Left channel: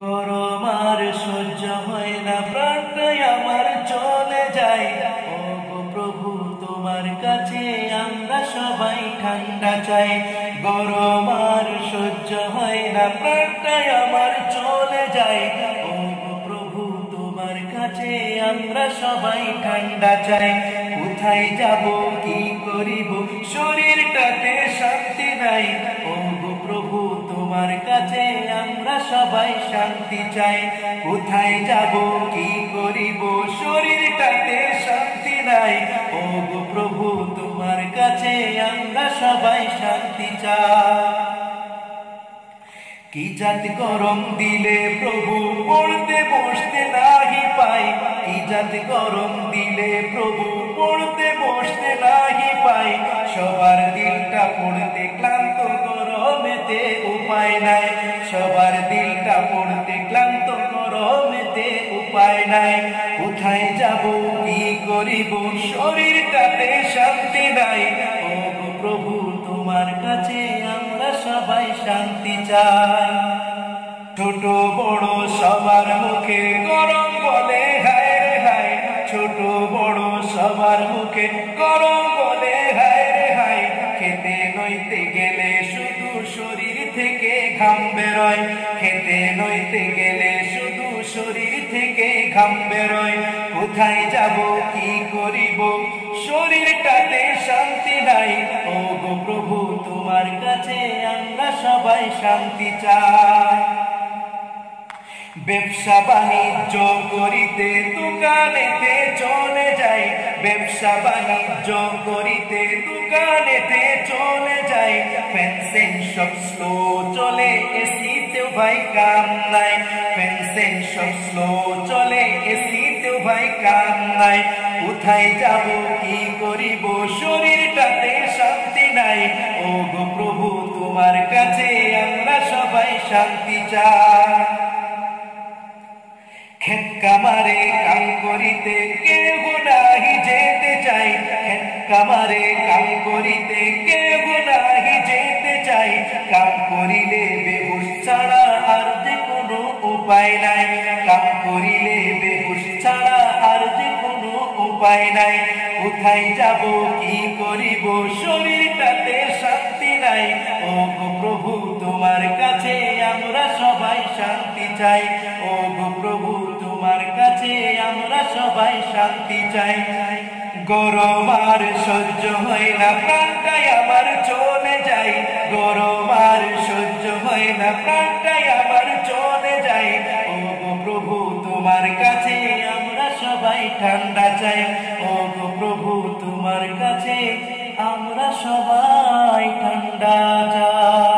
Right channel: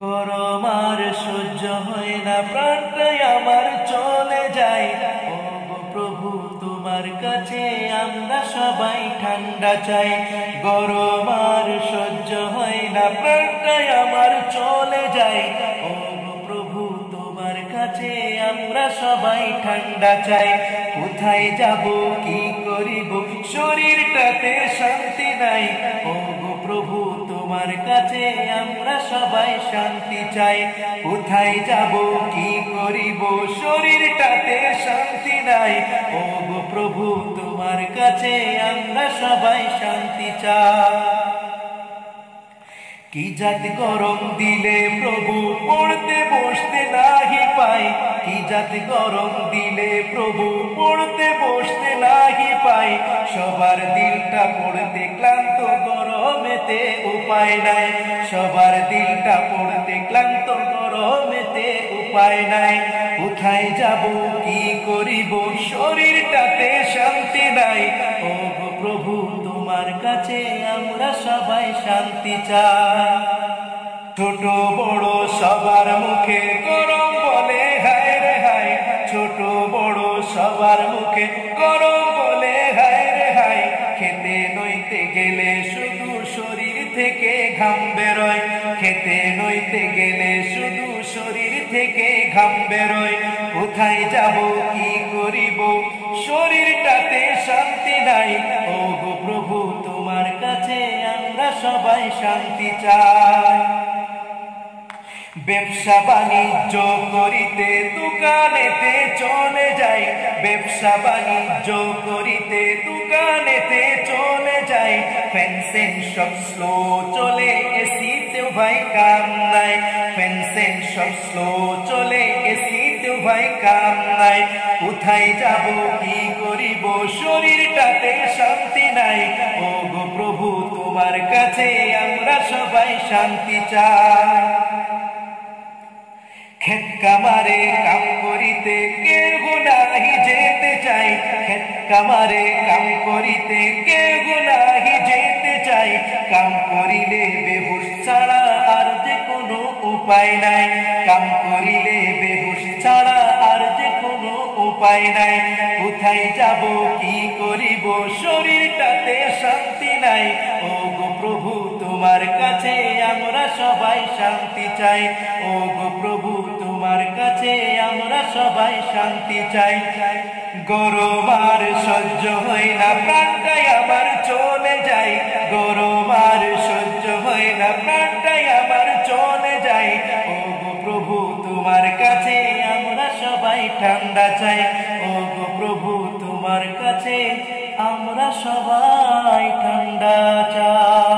গরম আর সহ্য হয় না, প্রাণটাই আমার চলে যায়। ও গো প্রভু, তোমার কাছে আমরা সবাই ঠান্ডা চাই। গরম আর সহ্য হয় না, প্রাণটাই আমার চলে যায়। ও গো প্রভু, তোমার কাছে আমরা সবাই ঠান্ডা চাই। কোথায় যাব, কি করিব, শরীরটাতে শান্তি নাই। ও গো প্রভু, তোমার কাছে আমরা সবাই শান্তি চাই। কোথায় যাব, কি করিব, শরীরটাতে শান্তি নাই। ও গো প্রভু, তোমার কাছে আমরা সবাই শান্তি চাই। কি জাত গরম দিলে প্রভু, পড়তে বসতে নাহি পাই। কি জাত গরম দিলে প্রভু, পড়তে বসতে নাহি পাই। সবার দিলটা পড়তে ক্লান্ত, গরমেতে উপায় নাই। সবার দিলটা পড়তে ক্লান্ত, গরমেতে উপায় নাই। কোথায় যাব, কি করিব, শরীরটাতে শান্তি নাই। ও গো প্রভু, তোমার কাছে আমরা সবাই শান্তি চাই। ছোট বড় সবার মুখে গরম বলে হায় রে হায়। ছোট বড় সবার মুখে গরম বলে হায় রে হায়। খেতে নইতে গেলে শুধু শরীর থেকে ঘাম বেরোয়। খেতে নইতে গেলে শুধু শরীর থেকে ঘাম বেরোয়। কোথায় যাব, কি করিব, শরীরটাতে শান্তি নাই। ও গো প্রভু, তোমার কাছে আমরা সবাই শান্তি চাই। ব্যবসা বাণিজ্য করিতে দোকানেতে চলে যাই। ব্যবসা বাণিজ্য করিতে দোকানেতে চলে যাই। ফ্যানসেন সব স্লো চলে, এসিতেও ভাই কাম নাই। ফ্যানসেন সব স্লো চলে, এসিতেও ভাই কাম নাই। কোথায় যাব, কি করিব, শরীরটাতে শান্তি নাই। ও গো প্রভু, তোমার কাছে আমরা সবাই শান্তি চাই। ক্ষেত কামারে কাম করিতে কেহ নাহি যেতে চাই। ক্ষেত কামারে কাম করিতে কেহ নাহি যেতে চাই। কাম করিলে বেহুশ ছাড়া আর যে কোনো উপায় নাই। কাম করিলে বেহুশ ছাড়া আর যে কোনো উপায় নাই। কোথায় যাব, কি করিব, শরীরটাতে শান্তি নাই। ও গো প্রভু, তোমার কাছে আমরা সবাই শান্তি চাই। ও গো প্রভু, তোমার কাছে আমরা সবাই শান্তি চাই। গরম আর সহ্য হয় না, প্রাণটাই আমার চলে যায়। গরম আর সহ্য হয় না, প্রাণটাই আমার চলে যায়। ও গো প্রভু, তোমার কাছে আমরা সবাই ঠান্ডা চাই। ও গো প্রভু, তোমার কাছে আমরা সবাই ঠান্ডা চাই।